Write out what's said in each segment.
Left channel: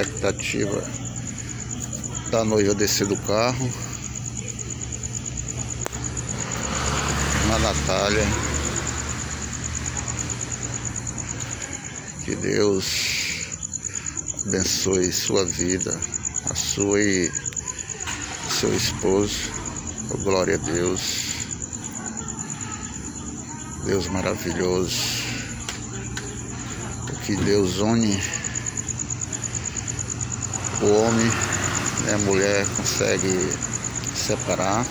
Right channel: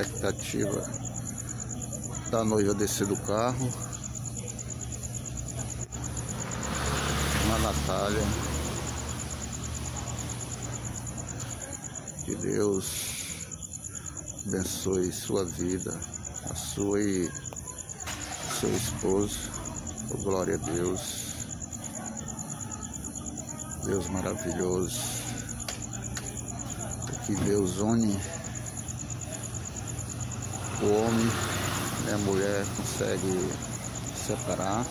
expectativa da noiva descer do carro. A Natália, que Deus abençoe sua vida, a sua e seu esposo. Oh, glória a Deus. Deus maravilhoso. O que Deus une, o homem e a mulher consegue separar.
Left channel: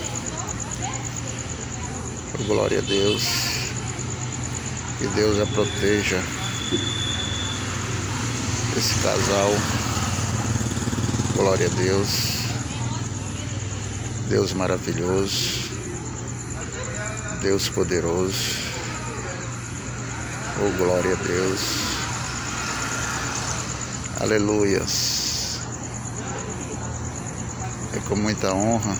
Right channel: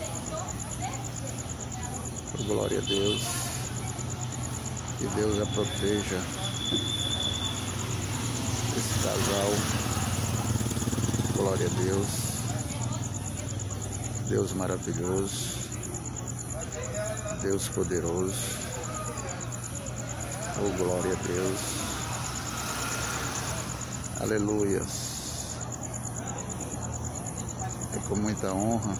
Oh, glória a Deus. Que Deus a proteja, esse casal. Glória a Deus. Deus maravilhoso, Deus poderoso. Oh, glória a Deus. Aleluias. É com muita honra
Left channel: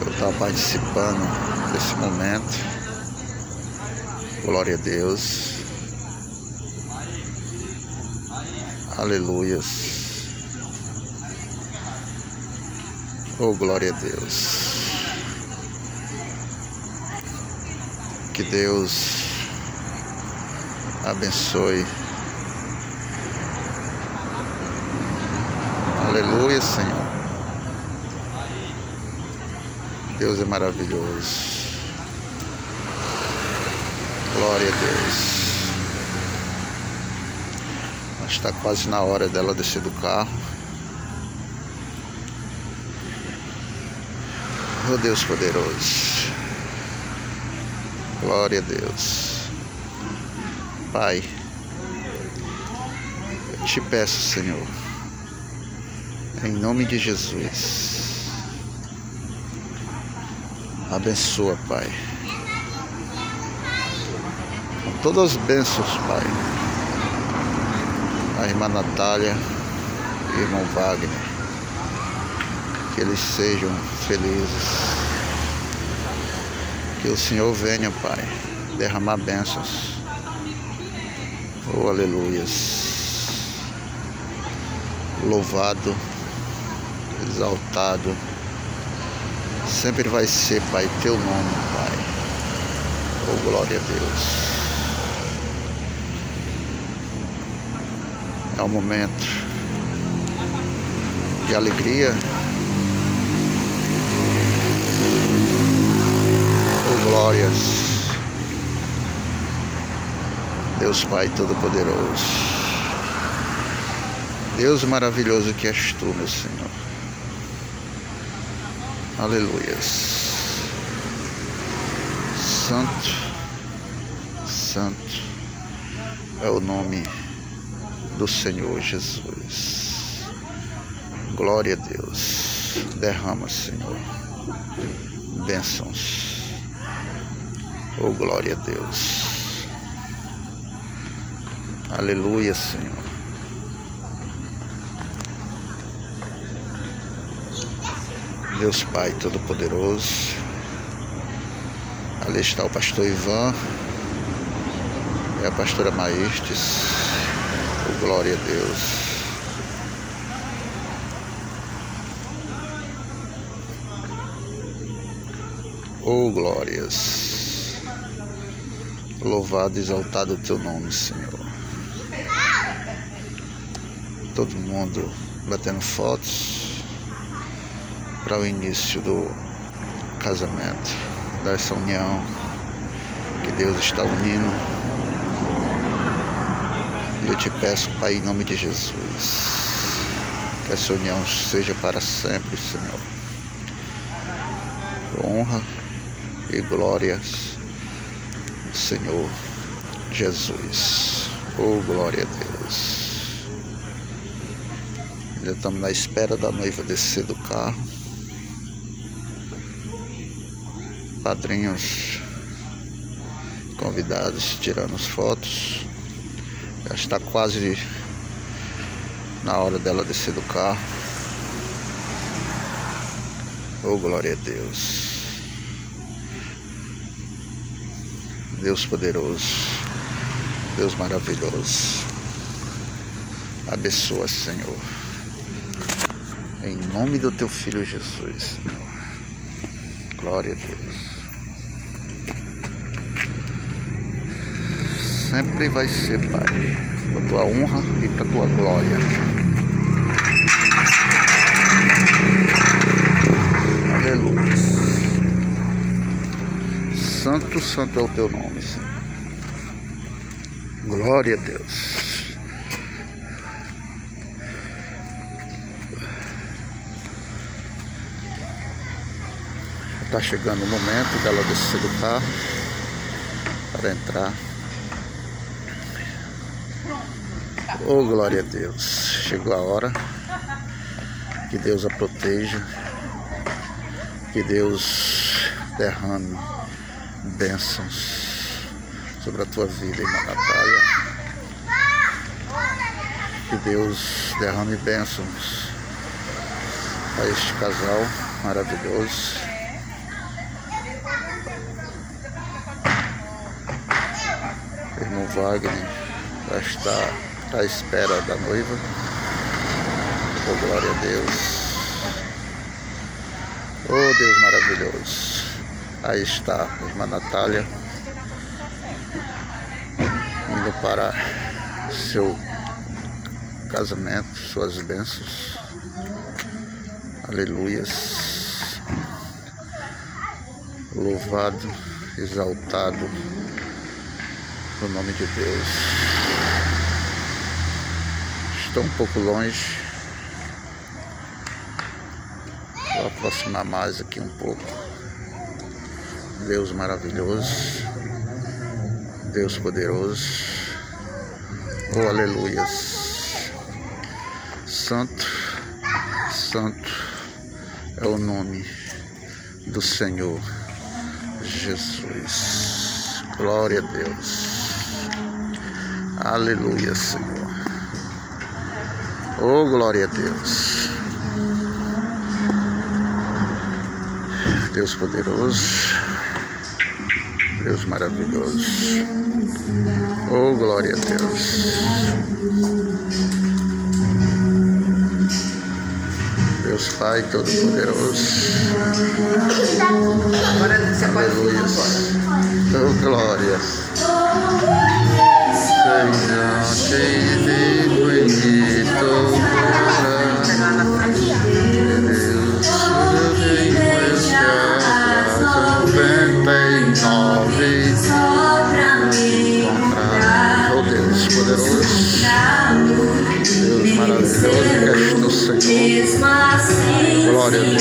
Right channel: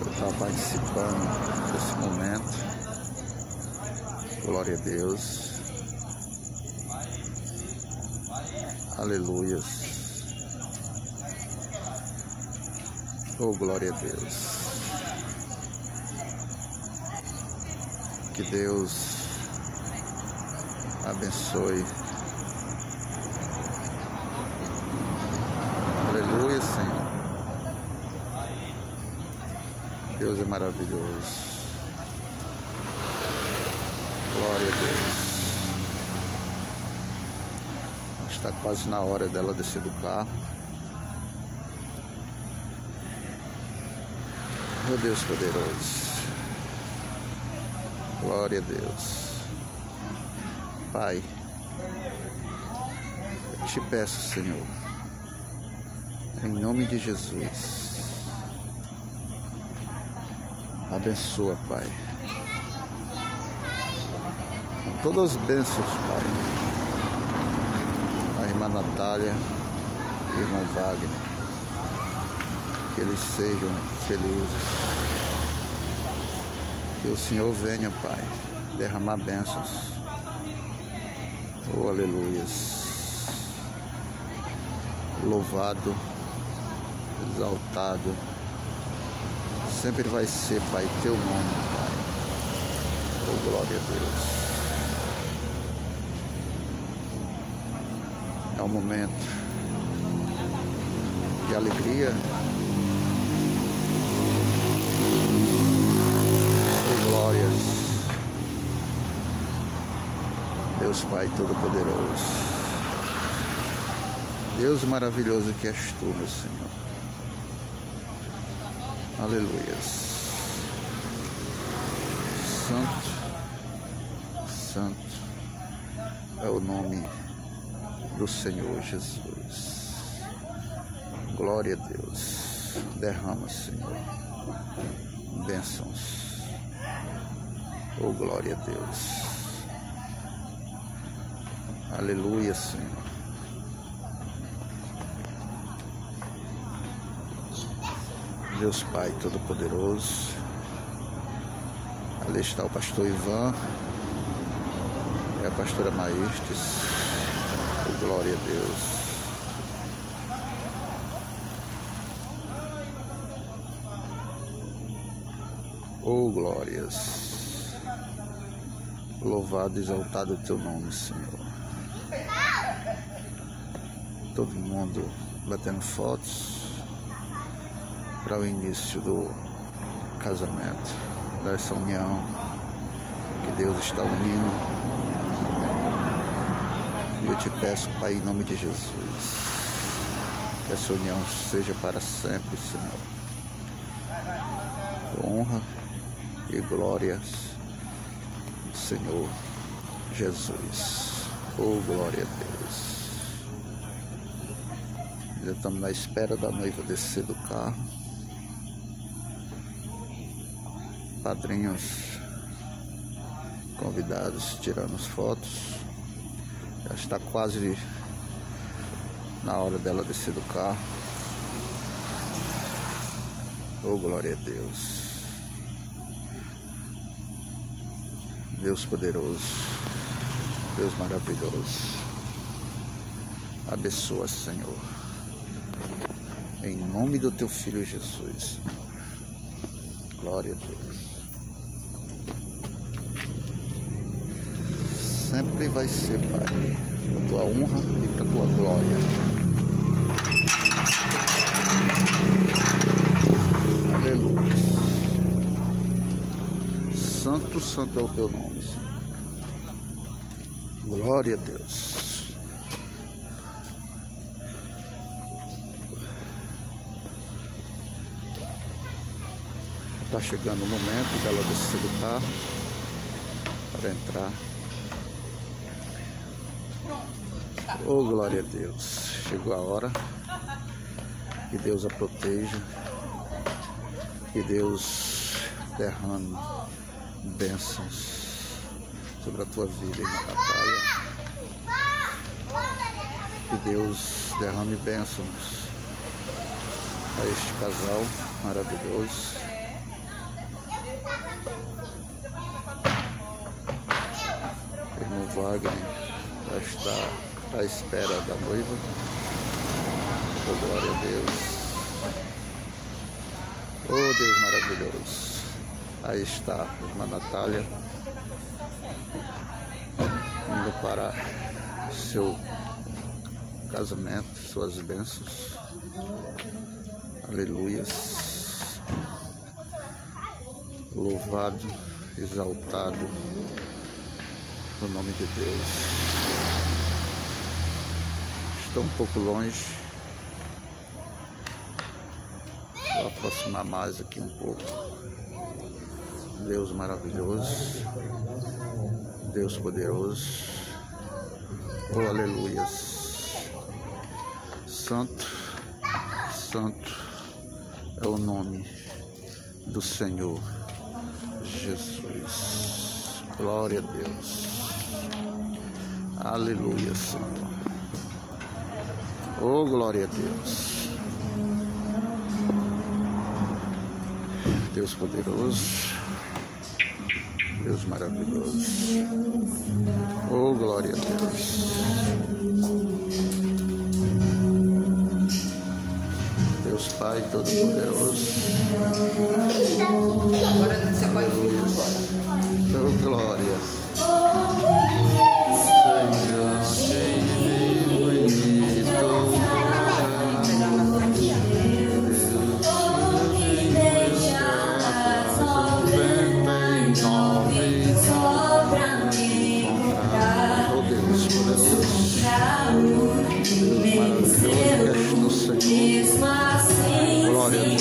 eu estar participando desse momento. Glória a Deus. Aleluias. Oh, glória a Deus. Que Deus abençoe. Aleluia, Senhor. Deus é maravilhoso. Glória a Deus. Está quase na hora dela descer do carro. Oh, Deus poderoso. Glória a Deus. Pai, eu te peço, Senhor, em nome de Jesus, abençoa, Pai, com todas as bênçãos, Pai, a irmã Natália e o irmão Wagner, que eles sejam felizes, que o Senhor venha, Pai, derramar bênçãos. Oh, aleluias. Louvado, exaltado sempre vai ser, Pai, teu nome, Pai. Oh, glória a Deus. É um momento de alegria. Oh, glórias. Deus Pai Todo-Poderoso, Deus maravilhoso que és tu, meu Senhor. Aleluias. Santo, santo é o nome do Senhor Jesus. Glória a Deus. Derrama, Senhor, bênçãos. Oh, glória a Deus. Aleluia, Senhor. Deus Pai Todo-Poderoso. Ali está o pastor Ivan e a pastora Maestes. Oh, glória a Deus. Oh, glórias. Louvado e exaltado o teu nome, Senhor. Todo mundo batendo fotos para o início do casamento, dessa união que Deus está unindo. E eu te peço, Pai, em nome de Jesus, que essa união seja para sempre, Senhor. Honra e glórias, Senhor Jesus. Oh, glória a Deus. Já estamos na espera da noiva descer do carro. Padrinhos convidados tirando as fotos. Já está quase na hora dela descer do carro. Oh, glória a Deus. Deus poderoso, Deus maravilhoso. abençoa, Senhor. Em nome do teu Filho Jesus, Senhor. Glória a Deus. Sempre vai ser, Pai, para tua honra e para tua glória. Aleluia. Santo, santo é o teu nome, Senhor. Glória a Deus. Está chegando o momento dela descer do carro para entrar. Oh, glória a Deus. Chegou a hora. Que Deus a proteja. Que Deus derrame bênçãos sobre a tua vida, irmã Natália. Que Deus derrame bênçãos a este casal maravilhoso. O irmão Wagner já está à espera da noiva. Oh, glória a Deus. Oh, Deus maravilhoso. Aí está a irmã Natália indo para seu casamento, suas bênçãos. Aleluias. Louvado, exaltado o nome de Deus. Estou um pouco longe. Vou aproximar mais aqui um pouco. Deus maravilhoso. Deus poderoso. Oh, aleluias. Santo, santo é o nome do Senhor Jesus. Glória a Deus. Aleluia, Senhor. Oh, glória a Deus. Deus poderoso. Deus maravilhoso. Oh, glória a Deus. Deus Pai Todo-Poderoso. Aleluia. Oh, glórias. Glória a Deus.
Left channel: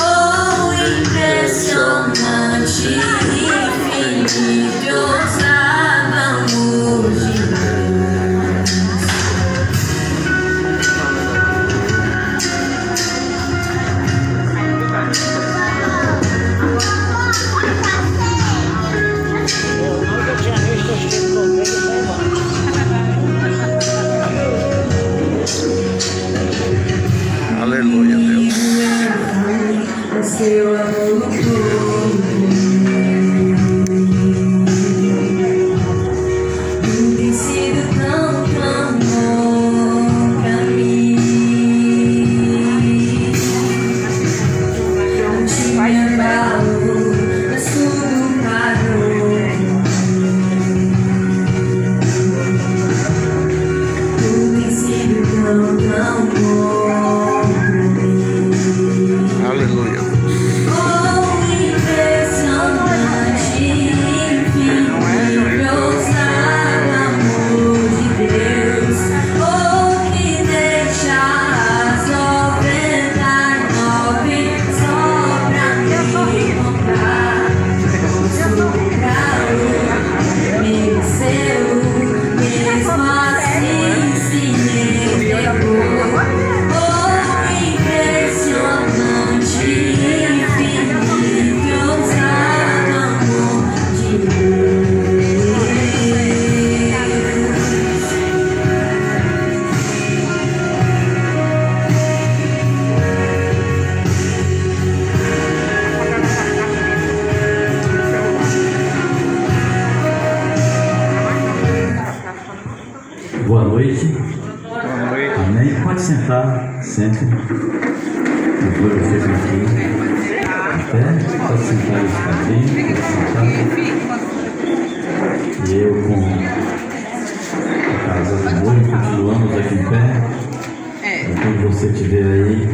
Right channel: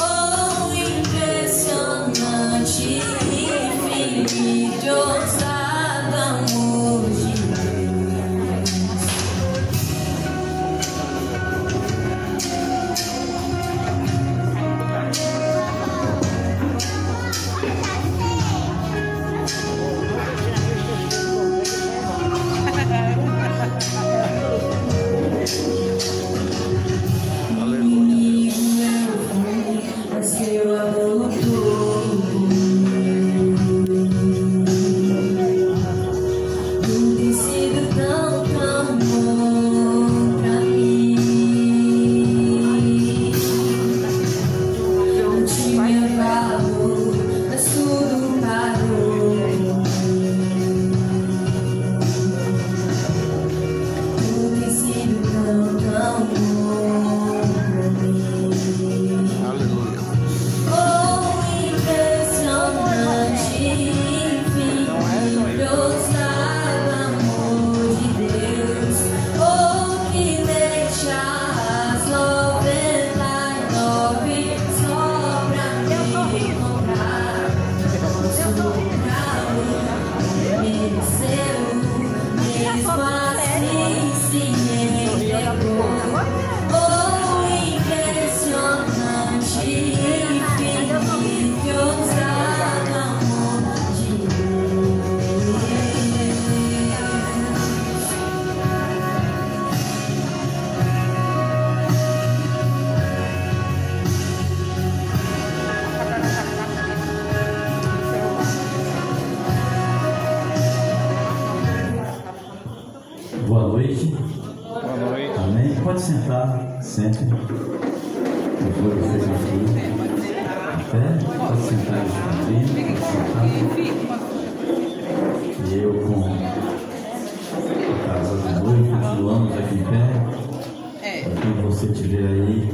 Oh, impressionante, infinito, sabamos de Aleluia, Deus. Boa noite. Boa noite. Amém. Pode sentar, sente. Eu vou vocês aqui. Pode sentar e ficar bem. Pode sentar. E eu com a casa do noivo continuamos aqui em pé. Quando você estiver aí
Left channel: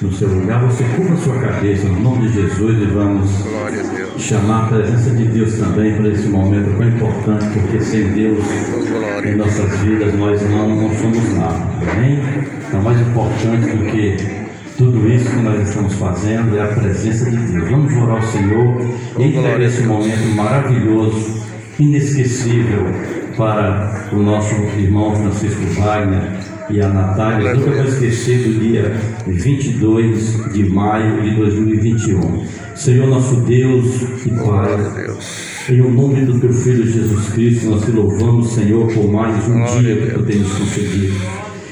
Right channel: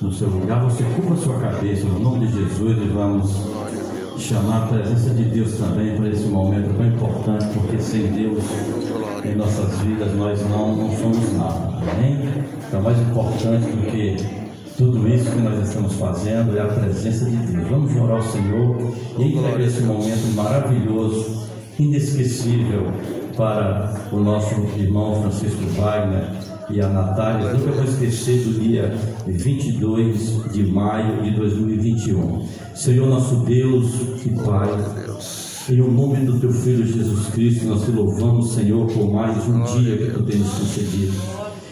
no seu lugar, você curva a sua cabeça no nome de Jesus e vamos chamar a presença de Deus também para esse momento tão importante, porque sem Deus em nossas vidas nós não somos nada, amém? Então, mais importante do que tudo isso que nós estamos fazendo é a presença de Deus. Vamos orar ao Senhor e entregar esse momento maravilhoso, inesquecível para o nosso irmão Francisco Wagner e a Natália. Nunca vou esquecer do dia 22 de maio de 2021. Senhor nosso Deus e Pai, em o nome do Teu Filho Jesus Cristo, nós te louvamos, Senhor, por mais um dia que Tu tens concedido.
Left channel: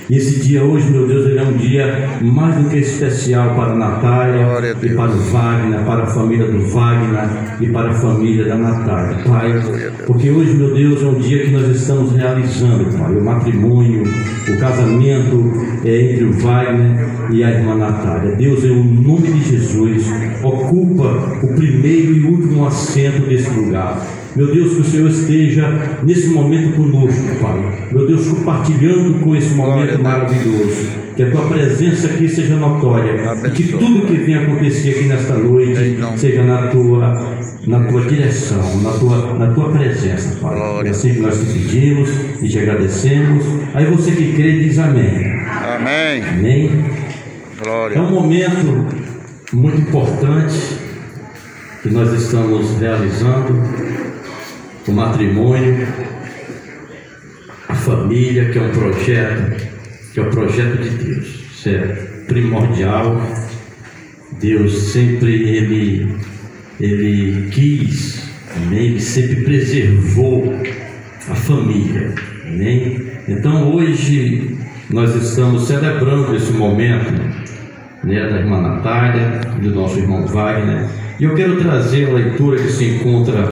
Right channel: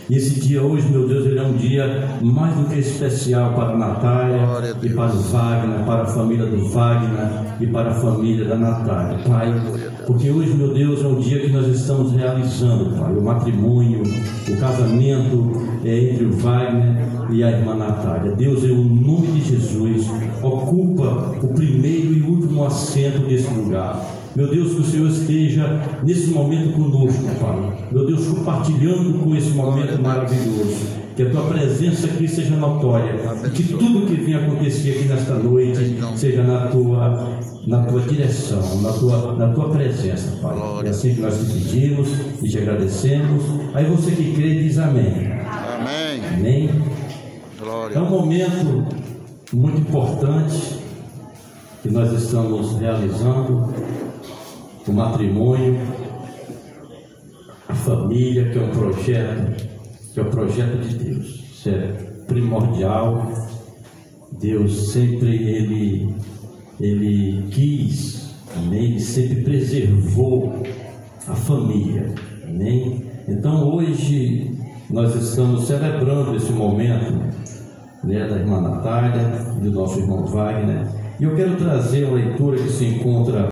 E esse dia hoje, meu Deus, ele é um dia mais do que especial para a Natália e para o Wagner, para a família do Wagner e para a família da Natália, Pai. Porque hoje, meu Deus, é um dia que nós estamos realizando, Pai, o matrimônio, o casamento entre o Wagner e a irmã Natália. Deus, em nome de Jesus, ocupa o primeiro e último assento desse lugar. Meu Deus, que o Senhor esteja nesse momento conosco, Pai. Meu Deus, compartilhando com esse momento maravilhoso. Que a Tua presença aqui seja notória. E que tudo que venha acontecer aqui nesta noite seja na tua direção, na tua presença, Pai. É assim que nós te pedimos e te agradecemos. Aí você que crê diz amém. Amém. Amém. Glória. É um momento muito importante que nós estamos realizando. O matrimônio, a família, que é um projeto de Deus. Isso é primordial. Deus sempre ele quis, amém? Ele sempre preservou a família, amém? Então hoje nós estamos celebrando esse momento, né, da irmã Natália e do nosso irmão Wagner. E eu quero trazer a leitura que se encontra